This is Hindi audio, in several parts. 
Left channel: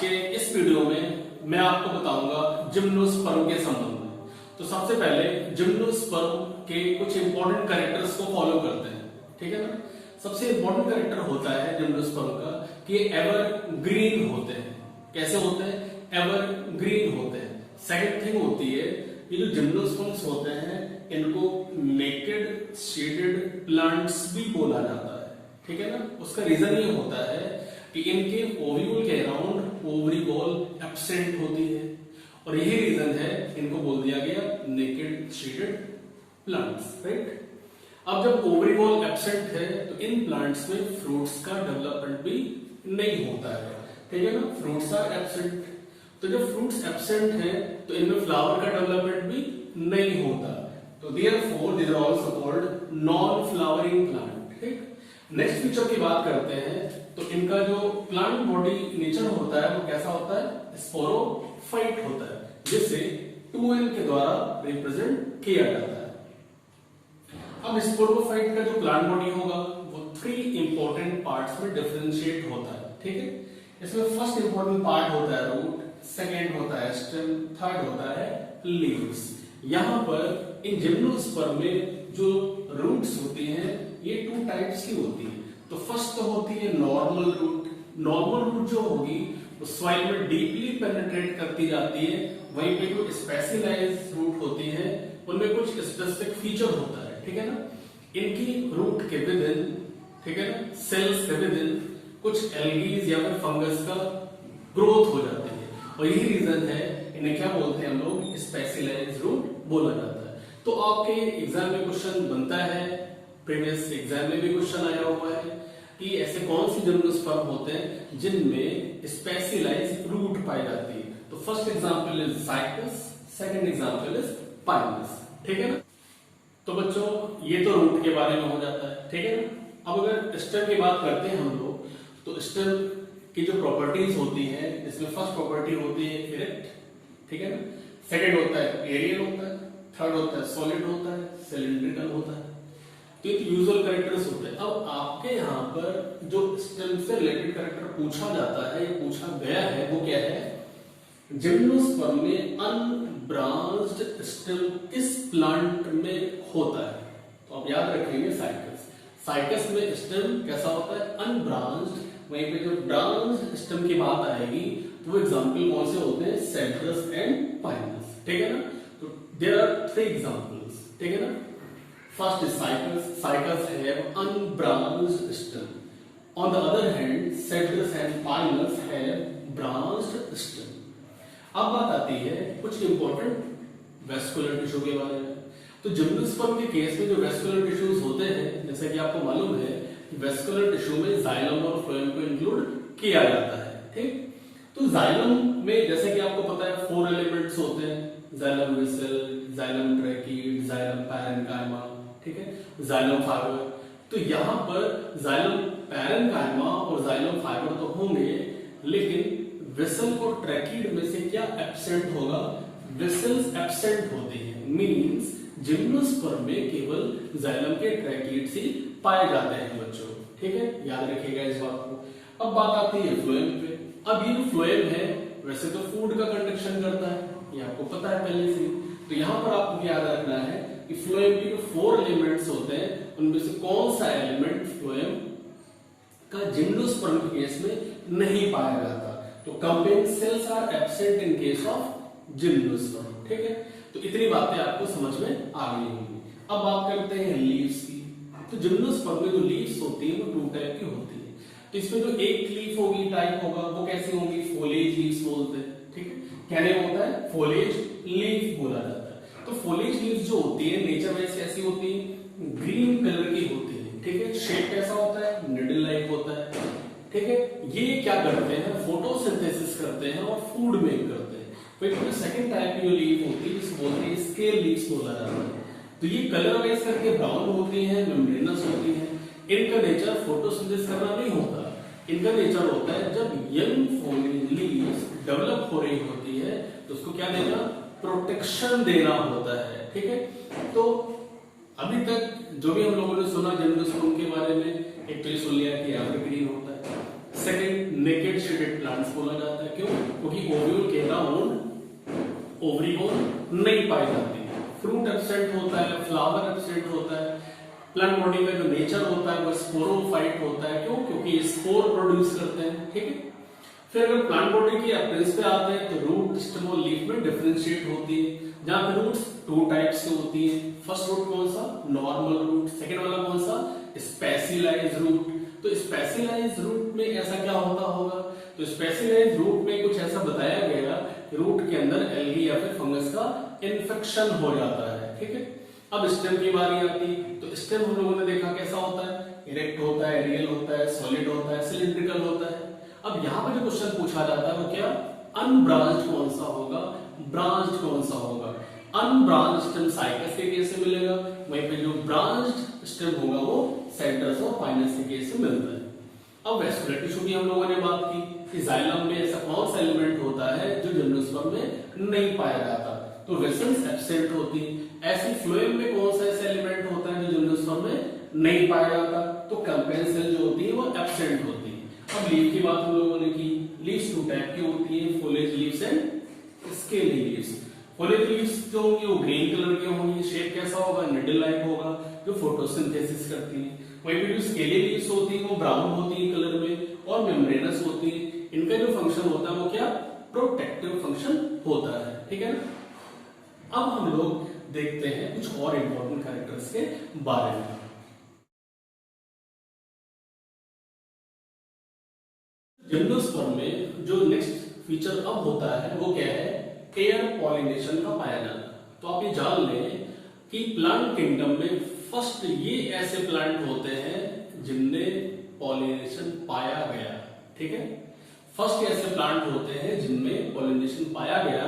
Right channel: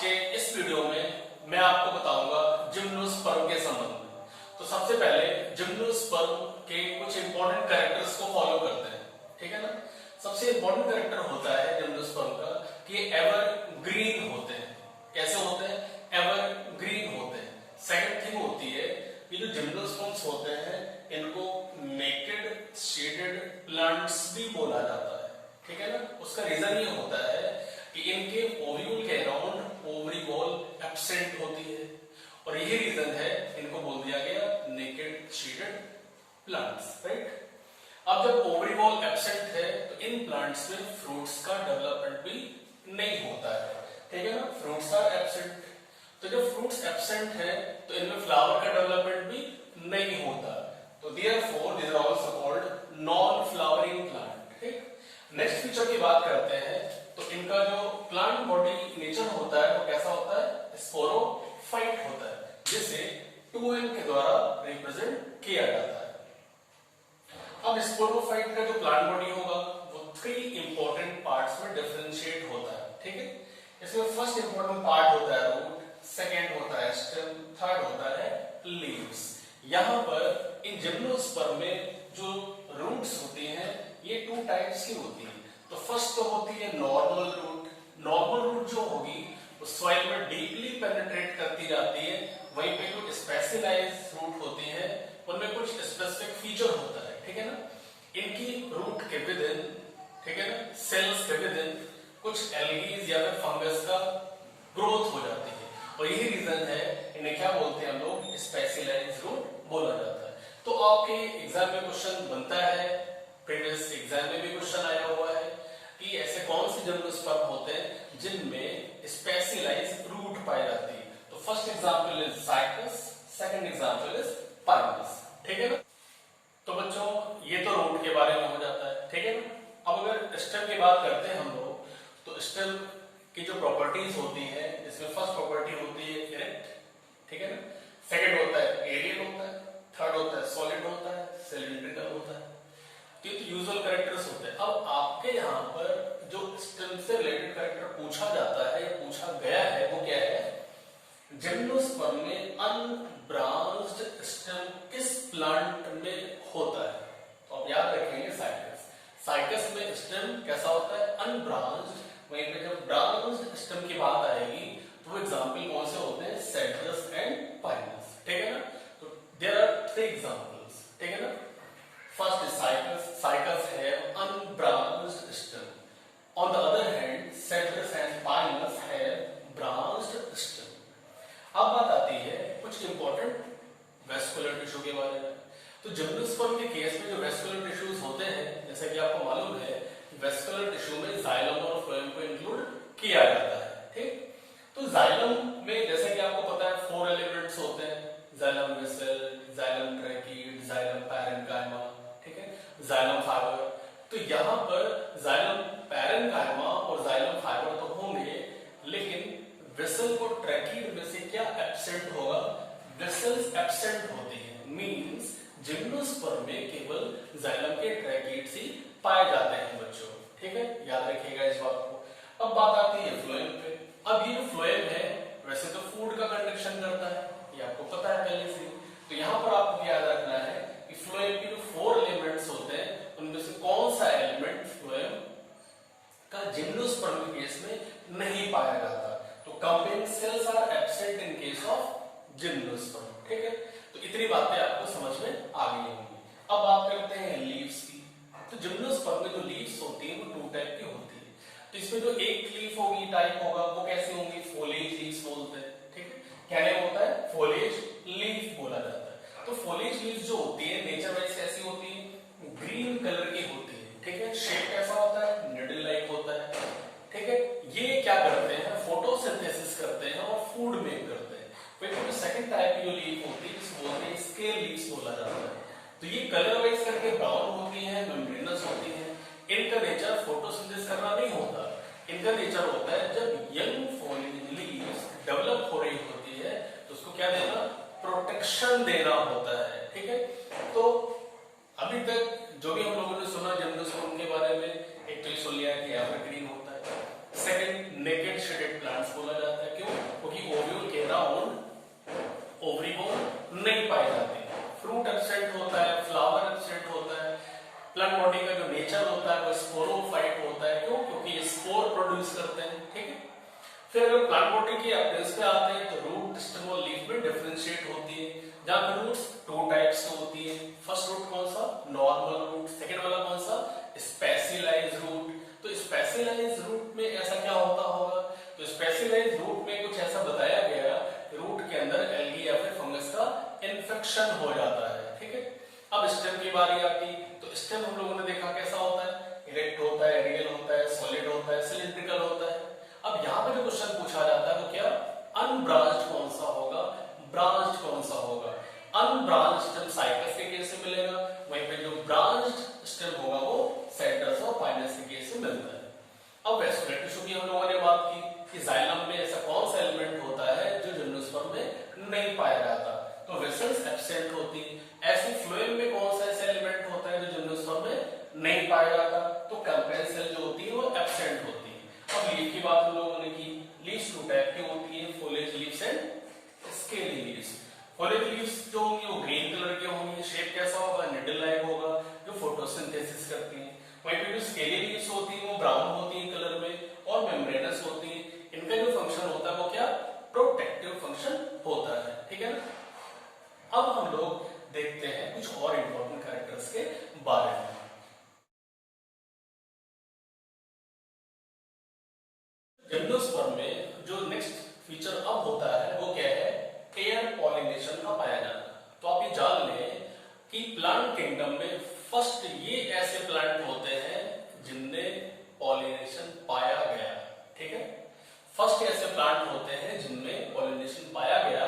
के इस वीडियो में मैं आपको बताऊंगा जिम्नोस्पर्म के संबंध में। तो सबसे पहले जिम्नोस्पर्म के कुछ इंपॉर्टेंट कैरेक्टर्स को फॉलो करते हैं, ठीक है ना। सबसे इंपॉर्टेंट कैरेक्टर होता है जिम्नोस्पर्म का कि एवर ग्रीन होते हैं। कैसे होते हैं? एवर ग्रीन होते हैं। सेकंड थिंग होती है ये जो जिम्नोस्पर्म्स होते हैं इनको नेकेड शेडेड प्लांट्स भी बोला जाता है, ठीक है ना। उसका रीजन ये होता है कि इनके ओव्यूल के अराउंड ओवरी वॉल एब्सेंट होती है और यही रीजन है इनको बोल दिया गया नेकेड शेडेड प्लांट्स, राइट। अब जब ओवरी वॉल एब्सेंट है तो इन प्लांट्स में फ्रूट्स का डेवलपमेंट भी नहीं होता है, ठीक है ना। फ्रूट्स आर एब्सेंट, तो जब फ्रूट्स एब्सेंट है तो इनमें फ्लावर का डेवलपमेंट भी नहीं होता। तो therefore these are also called non flowering plant, ठीक। नेक्स्ट फीचर की बात करते हैं तो इनका जो प्लांट बॉडी नेचर होता है वो कैसा होता है? स्पोरोफाइट होता है, जिसे 2n के द्वारा रिप्रेजेंट किया जाता है। अब स्पोरोफाइट का जो प्लांट बॉडी होगा वो 3 इंपॉर्टेंट पार्ट्स में डिफरेंशिएट होता है, ठीक है। इसमें फर्स्ट इंपॉर्टेंट पार्ट होता है रूट, सेकेंड होता है स्टेम, थर्ड होता है लीव्स। यहां पर इन जिम्नोस्पर्म में जो रूट्स होती हैं ये 2 टाइप्स की होती है। तो फर्स्ट तो होती है नॉर्मल रूट। नॉर्मल रूट जो होगी वो सॉइल में डीपली पेनिट्रेट करती जाती है। वहीं पे जो स्पेशलाइज्ड रूट होती है उनमें कुछ स्पेसिफिक फीचर होता है, ठीक है ना। इनकी रूट के विद इन, ठीक है ना, सेल्स के विद इन कुछ एल्गीज या फिर फंगस का ग्रोथ हो जाती है और यही रीजन है इन्हें क्या बोलते हैं हम लोग? स्पेशलाइज्ड रूट बोला जाता है। तो आपके एग्जाम में क्वेश्चन बनता है, प्रीवियस एग्जाम में भी क्वेश्चन आया हुआ है कि ऐसे कौन से जिम्नोस्पर्म होते हैं जिनमें स्पेशलाइज्ड रूट पाई जाती है। तो first example is cycas, second example is Pinus, ठीक है ना। तो बच्चों ये तो रूट के बारे में हो जाता है, ठीक है ना। अब अगर स्टेम की बात करते हैं हम लोग तो स्टेम की जो प्रॉपर्टीज होती है इसमें फर्स्ट प्रॉपर्टी होती है इरेक्ट, ठीक है ना। सेकंड होता है एरियल होता है, थर्ड होता है सॉलिड होता है, सिलिंड्रिकल होता है। तो ये यूजुअल कैरेक्टर्स होते हैं। अब आपके यहाँ पर जो स्टेम से रिलेटेड कैरेक्टर पूछा जाता है या पूछा गया है वो क्या है? जिम्नोस्पर्म में अनब्रांच्ड स्टेम किस प्लांट में होता है? तो आप याद रखेंगे साइकस। साइकस में स्टेम कैसा होता है? अनब्रांच्ड। वहीं पे जब ब्रांच्ड स्टेम की बात आएगी तो वो एग्जांपल कौन से होते हैं? सेड्रस एंड पाइनस, ठीक है ना। तो देयर आर 3 एग्जांपल्स, ठीक है ना। First is cycas. Cycas have unbranched stem. On the other hand, cedrus and pinus have branched stem. अब बात आती है कुछ इंपॉर्टेंट वेस्कुलर टिश्यू के बारे में। तो जिम्नोस्पर्म के केस में जो वेस्कुलर टिश्यूज होते हैं, जैसा कि आपको मालूम है कि वेस्कुलर टिश्यू में जाइलम और फ्लोएम को इंक्लूड किया जाता है, ठीक। तो जाइलम में जैसे कि आपको पता है 4 एलिमेंट्स होते हैं, xylem vessel, xylem tracheid, xylem parenchyma, ठीक है, जाइलम फाइबर। तो यहां पर जाइलम पैरेन्काइमा और जाइलम फाइबर तो होंगे, लेकिन वेसल और ट्रैकीड में से क्या एब्सेंट होगा? वेसल्स एब्सेंट होते हैं, मींस जिम्नोस्पर्म में केवल जाइलम के ट्रैकीड्स ही पाए जाते हैं बच्चों, ठीक है, याद रखिएगा इस बात को। अब बात आती है फ्लोएम पे। अब ये जो फ्लोएम है वैसे तो फूड का कंडक्शन करता है, ये आपको पता है पहले से। तो यहां पर आपको याद रखना है कि फ्लोएम के जो 4 एलिमेंट्स होते हैं उनमें से कौन सा एलिमेंट फ्लोएम का जिम्नोस्पर्म के केस में नहीं पाया जाता। तो companion cells are absent in case of gymnosperm, ठीक है। तो इतनी बातें आपको समझ में आ गई होंगी। अब बात करते हैं लीव्स की। तो जिम्नोस्पर्म में जो लीव्स होती है वो 2 टाइप की होती है। तो इसमें जो एक लीफ होगी, टाइप होगा, वो कैसी होंगी? फोलेज लीव्स बोलते हैं, ठीक है। क्या नेम होता है? फोलेज लीफ बोला जाता है। तो फोलेज लीव्स जो होती है नेचर वाइज कैसी होती है? ग्रीन कलर की होती है, ठीक है। शेप कैसा होता है? निडल लाइक होता है, ठीक है। ये क्या करते हैं? फोटोसिंथेसिस करते हैं और फूड मेक करते हैं। फिर सेकंड टाइप की जो लीफ होती है जिसे बोलते हैं स्केल लीव्स बोला जाता है। तो ये कलर वाइज करके ब्राउन होती है, मेम्ब्रेनस होती है। इनका नेचर फोटोसिंथेसिस करना नहीं होता। इनका नेचर होता है जब यंग फोलेज लीव्स डेवलप हो रही होती है तो उसको क्या देना? प्रोटेक्शन देना होता है, ठीक है। तो अभी तक जो भी हम लोगों ने सुना जिम्नोस्पर्म के बारे में, एक तो ये सुन लिया कि एवरग्रीन होता है, सेकंड नेकेड शेडेड प्लांट्स बोला जाता है। क्यों? क्योंकि ओव्यूल के अराउंड ओवरी बोन नहीं पाई जाती है। फ्रूट एब्सेंट होता है, फ्लावर एब्सेंट होता है। प्लांट बॉडी का जो नेचर होता है वो स्पोरोफाइट होता है। क्यों? क्योंकि ये स्पोर प्रोड्यूस करते हैं। ठीक है। फिर अगर प्लांट बॉडी की एप्रेंस पे आते हैं तो रूट, स्टेम और लीफ में डिफरेंशिएट होती है, जहां पे रूट्स टू टाइप्स की होती है। फर्स्ट रूट कौन सा? Normal route. सेकंड वाला कौन सा? Specialised root. तो स्पेशलाइज्ड रूट में ऐसा क्या होता होगा? तो स्पेशलाइज्ड रूट में कुछ ऐसा बताया गया, रूट के अंदर एल्गी या फिर फंगस का इन्फेक्शन हो जाता है। ठीक है। अब स्टेम की बारी आती, तो स्टेम हम लोगों ने देखा कैसा होता है, इरेक्ट होता है, रियल होता है, सॉलिड होता है, सिलिंड्रिकल होता है। अब यहाँ पे जो क्वेश्चन पूछा जाता है वो क्या, अनब्रांच्ड कौन सा होगा, ब्रांच्ड कौन सा होगा। अनब्रांच्ड स्टेम साइकस के केस से मिलेगा, वहीं पे जो ब्रांच्ड स्टेम होगा वो साइट्रस और पाइनस के केस से मिलता है। अब वैस्कुलर टिश्यू की हम लोगों ने बात की कि जाइलम में ऐसा कौन सा एलिमेंट होता है जो जिम्नोस्पर्म में नहीं पाया जाता, तो वेसल्स एब्सेंट होती। ऐसी फ्लोएम में कौन सा ऐसा एलिमेंट होता है जो जिम्नोस्पर्म में नहीं पाया जाता, तो कैंपेन सेल जो होती है वो एब्सेंट होती है। अब लीफ की बात हम लोगों ने की, लीव्स टू टाइप की होती है, foliage leaves and scaly leaves. Foliage leaves जो होंगी वो ग्रीन कलर की होंगी, शेप कैसा होगा, निडल लाइक होगा, जो फोटोसिंथेसिस करती है। वहीं पे जो स्केली लीव्स होती है वो ब्राउन होती है कलर में और मेम्ब्रेनस होती है। इनका जो फंक्शन होता है वो क्या, प्रोटेक्टिव फंक्शन होता है। ठीक है ना। अब हम लोग देखते हैं कुछ और इंपॉर्टेंट कैरेक्टर्स के बारे में। जिम्नोस्पर्म में जो नेक्स्ट फीचर अब होता है वो क्या है, एयर पॉलिनेशन का पाया जाना। तो आप ये जान लें कि प्लांट किंगडम में फर्स्ट ये ऐसे प्लांट होते हैं जिनमें पॉलिनेशन पाया गया। ठीक है, फर्स्ट ऐसे प्लांट होते हैं जिनमें पॉलिनेशन पाया गया।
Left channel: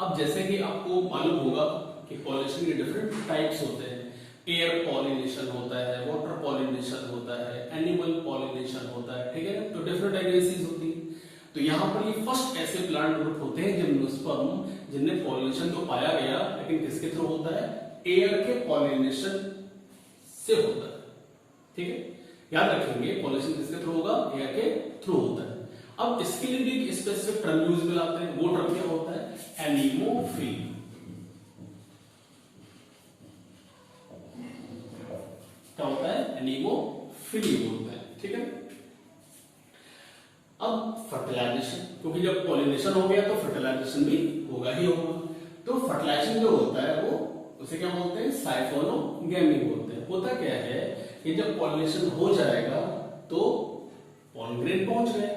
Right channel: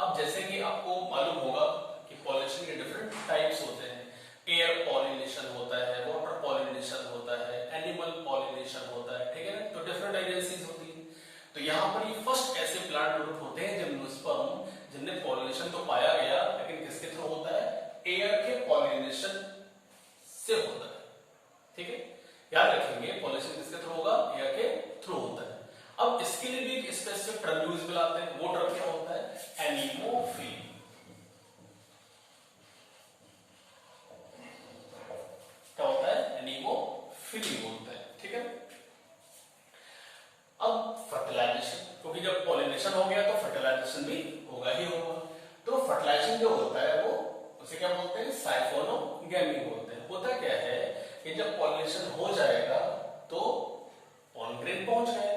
अब जैसे कि आपको मालूम होगा कि पॉलिनेशन के डिफरेंट टाइप्स होते हैं, एयर पॉलिनेशन होता है, वाटर पॉलिनेशन होता है, एनिमल पॉलिनेशन होता है। ठीक है ना, तो डिफरेंट एजेंसीज होती है। तो यहाँ पर ये फर्स्ट ऐसे प्लांट ग्रुप होते हैं जिम्नोस्पर्म जिनमें पॉलिनेशन तो पाया गया, लेकिन किसके थ्रू होता है, एयर के पॉलिनेशन से होता है। ठीक है, याद रखेंगे पॉलिनेशन किसके थ्रू होगा, एयर के थ्रू होता है। अब इसके लिए भी एक स्पेसिफिक टर्म यूज में लाते हैं, वो टर्म क्या होता है, एनीमोफिली। क्या होता है, एनीमोफिली बोलते हैं। ठीक है। अब फर्टिलाइजेशन, क्योंकि जब पॉलिनेशन हो गया तो फर्टिलाइजेशन भी होगा ही होगा। तो फर्टिलाइजेशन जो होता है वो उसे क्या बोलते हैं, साइफोनोगेमी बोलते हैं। होता क्या है कि जब पॉलिनेशन हो जाएगा तो पॉलन ग्रेन पहुंच गए,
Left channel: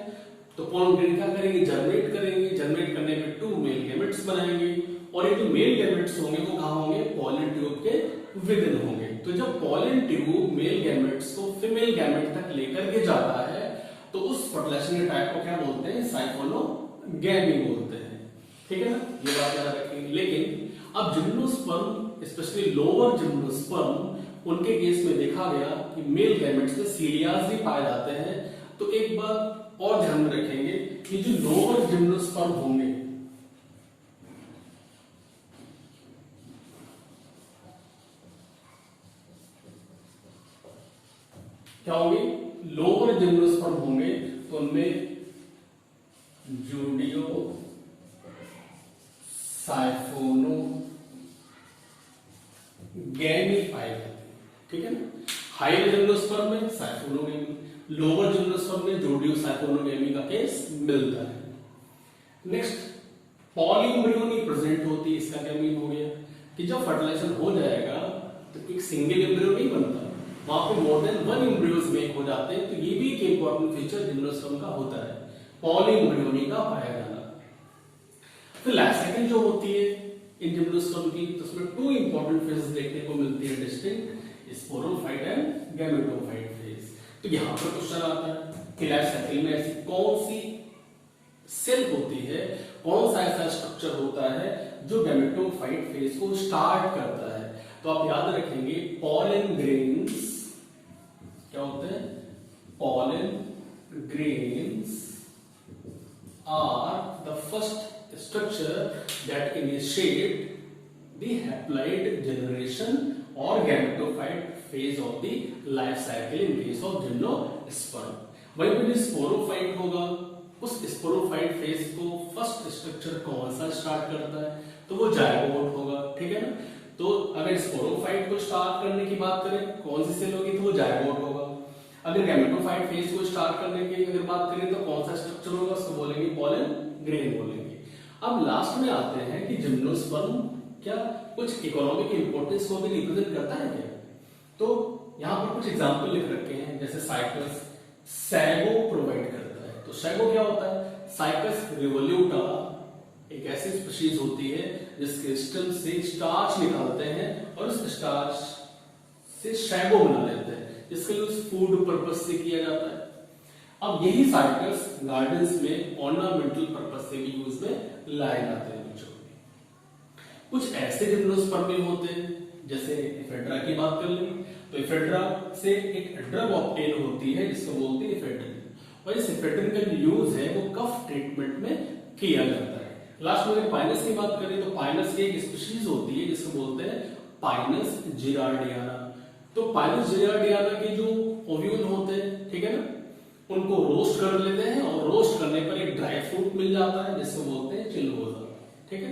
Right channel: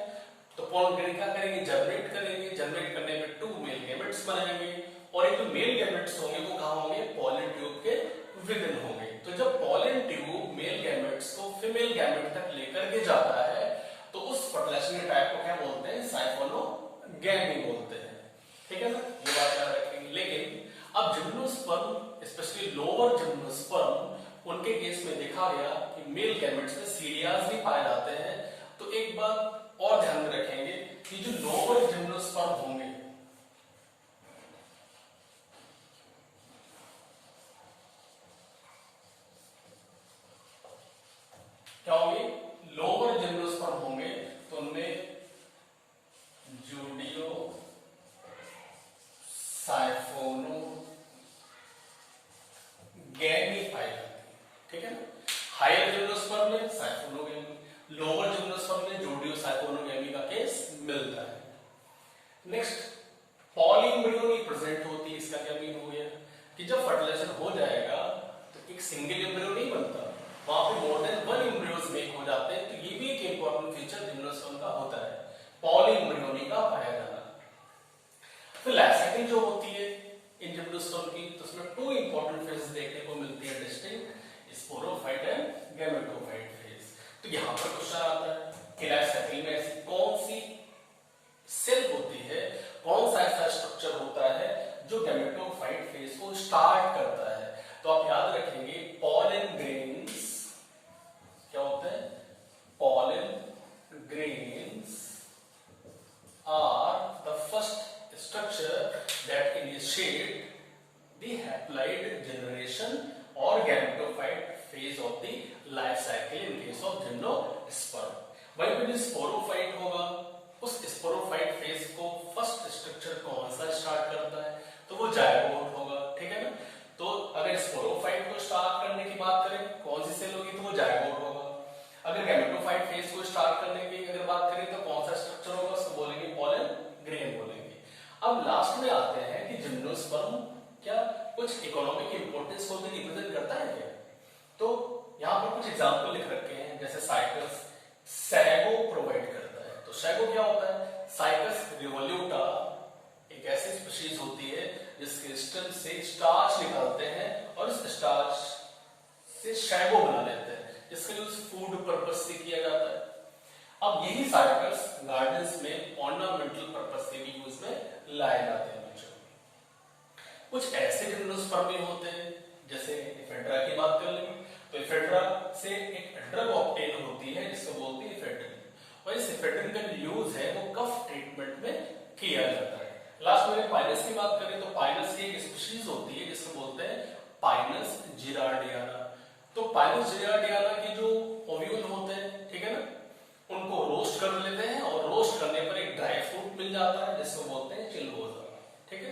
तो पॉलन ग्रेन क्या करेंगे, जर्मिनेट करेंगे। जर्मिनेट करने में 2 मेल गैमेट्स बनाएंगे और ये जो मेल गैमेट्स होंगे वो कहां होंगे, पॉलन ट्यूब के विद इन होंगे। तो जब पॉलन ट्यूब मेल गैमेट्स को फीमेल गैमेट तक लेकर के जाता है तो उस फर्टिलाइजेशन के टाइप को क्या बोलते हैं, साइफोनोगेमी बोलते हैं। ठीक है ना, ये बात याद रखेंगे। लेकिन अब जिम्नोस्पर्म, स्पेशली लोअर जिम्नोस्पर्म, उनके केस में देखा गया कि मेल गैमेट्स में सीडियाज भी पाए जाते हैं। तो एक बात और ध्यान में रखेंगे कि जो लोअर जिम्नोस्पर्म होंगे, क्या होंगे, लोअर जिम्नोस्पर्म होंगे तो उनमें जूडियो साइफोनोगेमी पाई जाती है। ठीक है ना, हायर जिम्नोस्पर्म में साइफोनोगेमी, लोअर जिम्नोस्पर्म में जूडियो साइफोनोगेमी का केस मिलता है। नेक्स्ट, पॉलीएम्ब्रियोनी प्रेजेंट होती है। इसका क्या मीन हो गया कि जब फर्टिलाइजेशन हो जाएगा तो एक सिंगल एम्ब्रियो नहीं बनता, वहां पे मोर देन 1 एम्ब्रियोज मेक हो जाते हैं। तो ये भी एक इंपॉर्टेंट फीचर जिम्नोस्पर्म का होता है, पॉलीएम्ब्रियोनी का पाया जाना। फिर लाइफ साइकिल जो होती है इन जिम्नोस्पर्म की, तो उसमें 2 इंपॉर्टेंट फेजेस देखने को मिलती है distinct, sporophyte and gametophyte phase. तो यहां पर क्वेश्चन आता है कि लाइफ साइकिल में ऐसी कौन सी सेल होती है, कौन सा ऐसा स्ट्रक्चर होता है जो गैमेटोफाइट फेज को स्टार्ट करता है। तो आप याद रखेंगे पॉलन ग्रेन्स क्या होते हैं, pollen grains are the first structure that initiate the haploid generation or gametophyte phase of the life cycle in case of gymnosperm। वहीं पे जो स्पोरोफाइट होगा उस स्पोरोफाइट फेज को फर्स्ट स्ट्रक्चर कौन सा स्टार्ट करता है, तो वो जायगोट होगा, ठीक है ना। तो अगर स्पोरोफाइट को स्टार्ट करने की बात करें कौन सी सेल होगी, तो वो जायगोट होगा। अगर गैमेटोफाइट फेज को स्टार्ट करने की अगर बात करें तो कौन सा स्ट्रक्चर होगा, उसको बोलेंगे पॉलन ग्रेन बोलेंगे। अब लास्ट में आते हैं कि जिम्नोस्पर्म क्या कुछ इकोनॉमिक इंपोर्टेंस को भी रिप्रेजेंट करता है क्या। तो यहाँ पर कुछ एग्जांपल लिख रखे हैं, जैसे साइकस सैगो प्रोवाइड करता है। तो सैगो क्या होता है, साइकस रिवोल्यूटा एक ऐसी स्पीशीज होती है जिसके स्टेम से स्टार्च निकालते हैं और उस स्टार्च से शैगो बना लेते हैं, जिसका यूज फूड पर्पस से किया जाता है। अब यही साइकस गार्डन्स में ऑर्नामेंटल पर्पस से भी यूज में लाए जाते हैं बच्चों। कुछ ऐसे जिम्नोस्पर्म होते हैं, जैसे इफेड्रा की बात कर लें तो इफेड्रा से एक ड्रग ऑब्टेन होती है जिसको बोलते हैं इफेड्रिन, और इस इफेड्रिन का जो यूज है वो कफ ट्रीटमेंट में किया जाता है। लास्ट में पाइनस की बात करें तो पाइनस की एक स्पीशीज होती है जिसको बोलते हैं पाइनस जिरार्डियाना। तो पाइनस जिरार्डियाना के जो ओव्यूल होते हैं, ठीक है ना, उनको रोस्ट कर लेते हैं और रोस्ट करने पर एक ड्राई फ्रूट मिल जाता है जिसको बोलते हैं चिलगोजा, ठीक है।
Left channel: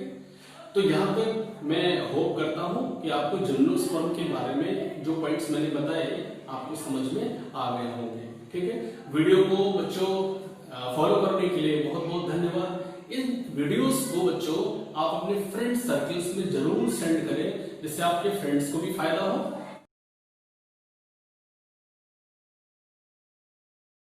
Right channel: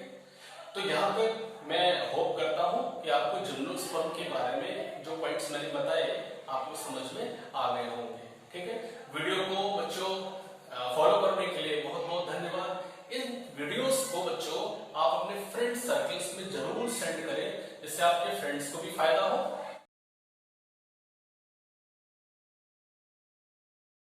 तो यहाँ तक मैं होप करता हूं कि आपको जिम्नोस्पर्म के बारे में जो पॉइंट्स मैंने बताए आपको समझ में आ गए होंगे, ठीक है। वीडियो को बच्चों फॉलो करने के लिए बहुत बहुत धन्यवाद। इन वीडियोस को बच्चों आप अपने फ्रेंड सर्कल्स में जरूर सेंड करें, जिससे आपके फ्रेंड्स को भी फायदा हो